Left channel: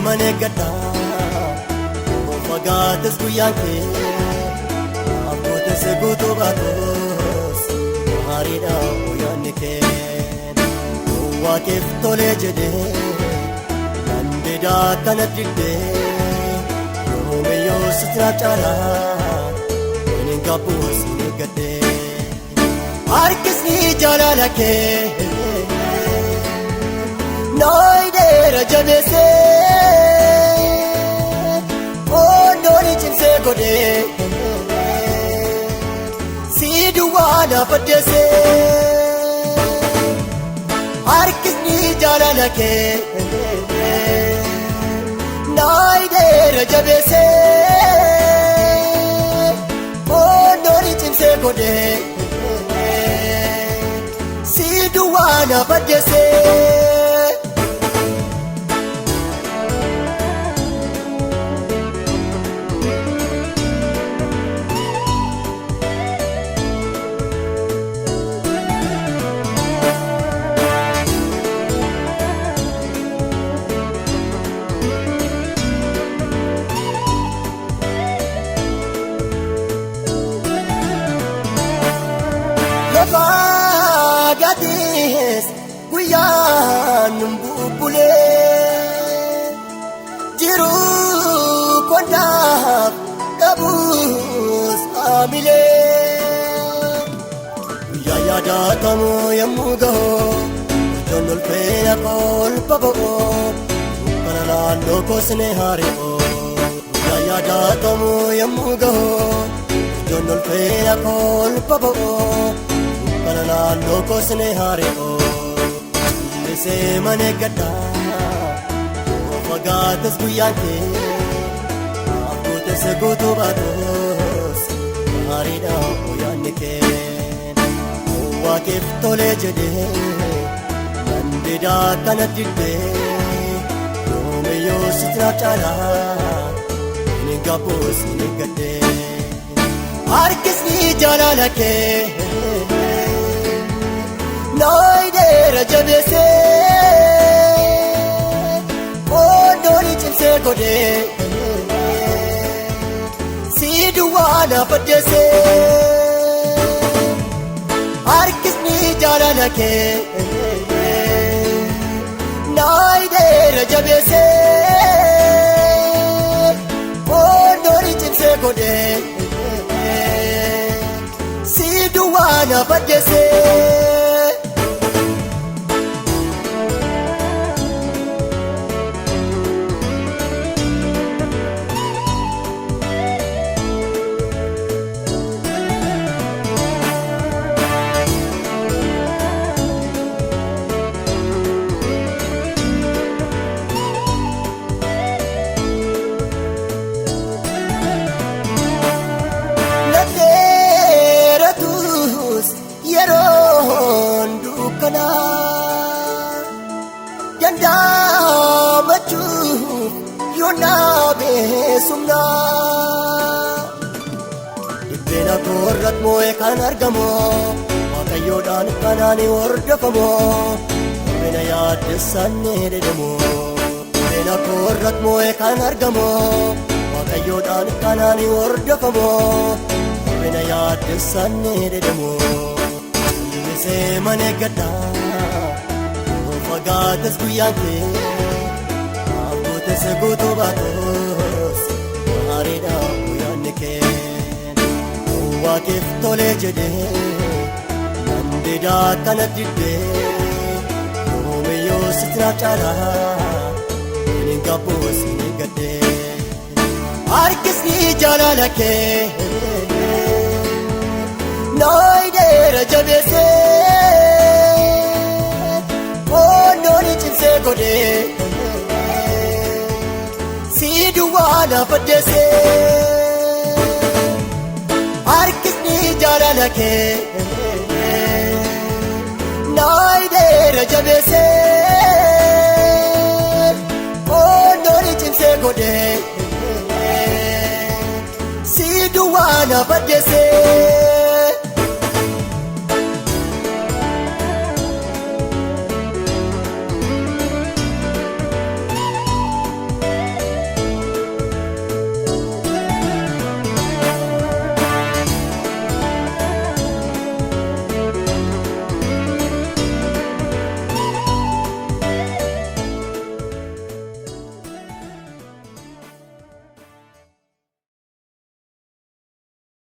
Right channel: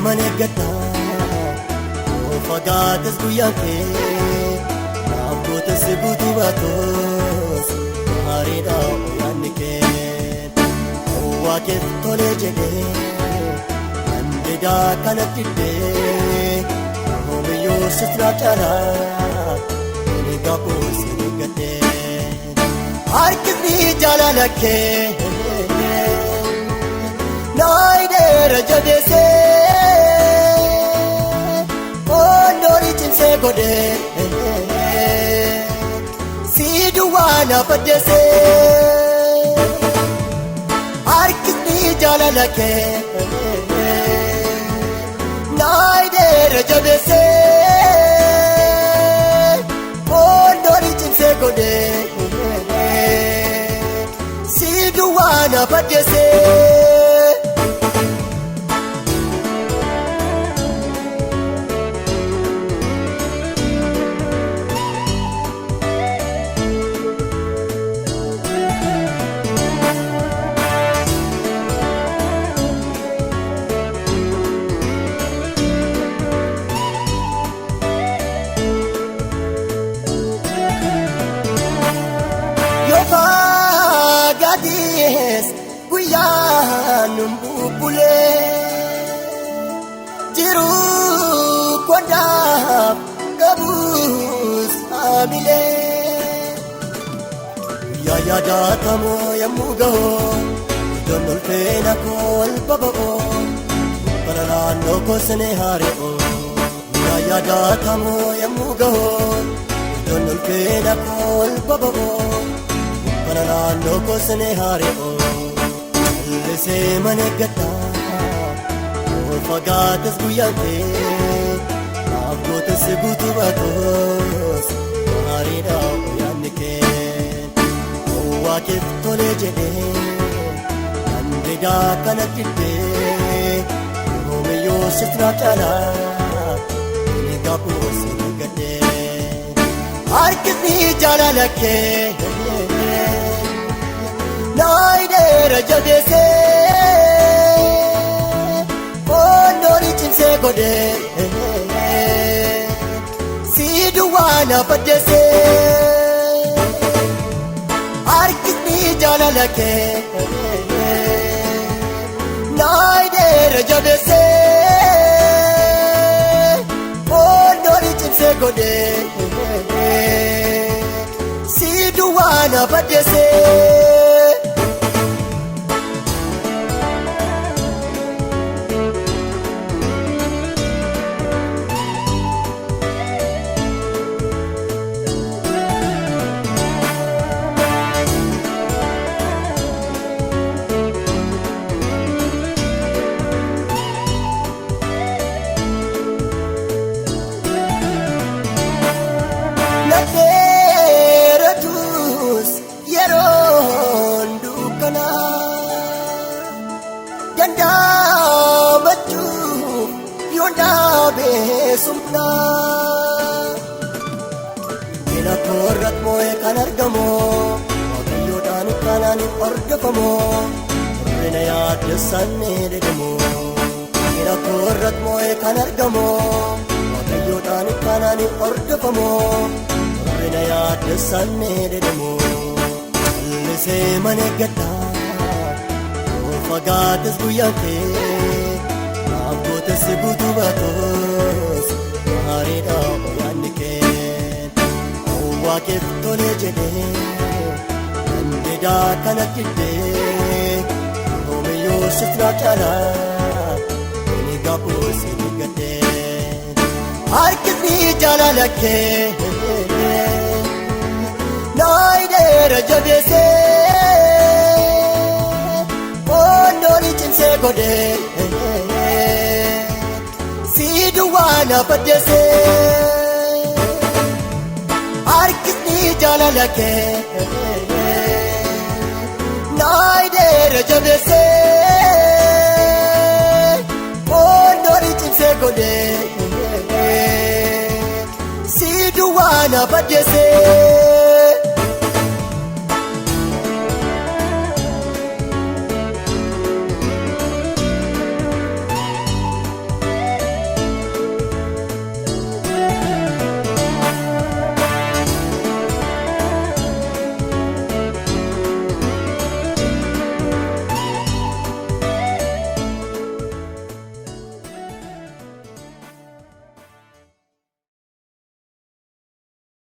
Calliseeman eeggadha fagaates guyyaan kee naafootes guutuu baatus maariidha yaadni kee waaqeef tolee jedhee dandeedaa kanatti illee yoomiyyuu sitraa caalaa inni qabuus ni gaddee harkisni jaalala kee naayinee jabeessee boondooni cimsee godhee si duwwaa lafa deessee harkisni jaalala kee naayinee jabeessee boondooni cimsee godhee si duwwaa lafa deessee. Guyyaan bubbulee jiruu kondaaf qabuus haamilee guyyaa yaadatamu yemmuu ga'u ijoon olfeena kolfa bo'oo mana naannoo goosne hari'oo guyyaa yaadatamu yemmuu ga'u ijoon olfeena kolfa bo'oo mana naannoo goosne hari'oo. Calliseeman eeggadha fagaates guyyaan kee naafootes guutuu baatus maariidha yaadni kee waaqeef tolee jedhee dandeedaa kanatti illee yoomiyyuu sitraa caalaa inni qabuus ni gaddee harkisni jaalala kee naayinee jabeessee si duwwaa lafa deessee harkisni jaalala kee naayinee jabeessee boondooni cimsee godhee si duwwaa lafa deessee. Itteena koorrat moo'ee kan argamoo waaqayyoodhaan itti hordofamoo warreena yaaddessan ni didimoo. Itteena koorrat moo'ee kan argamoo waaqayyoodhaan itti hordofamoo warreena yaaddessan ni didimoo. Calliseeman eeggadha fagaates guyyaan kee naafootes guutuu baatus maariidha yaadni kee waaqeef tolee jedhee dandeedaa kanatti illee yoomiyyuu sitraa caalaa inni qabuus ni gaddee harkisni jaalala kee naayinee jabeessee boondooni cimsee godhee si duwwaa lafa deessee.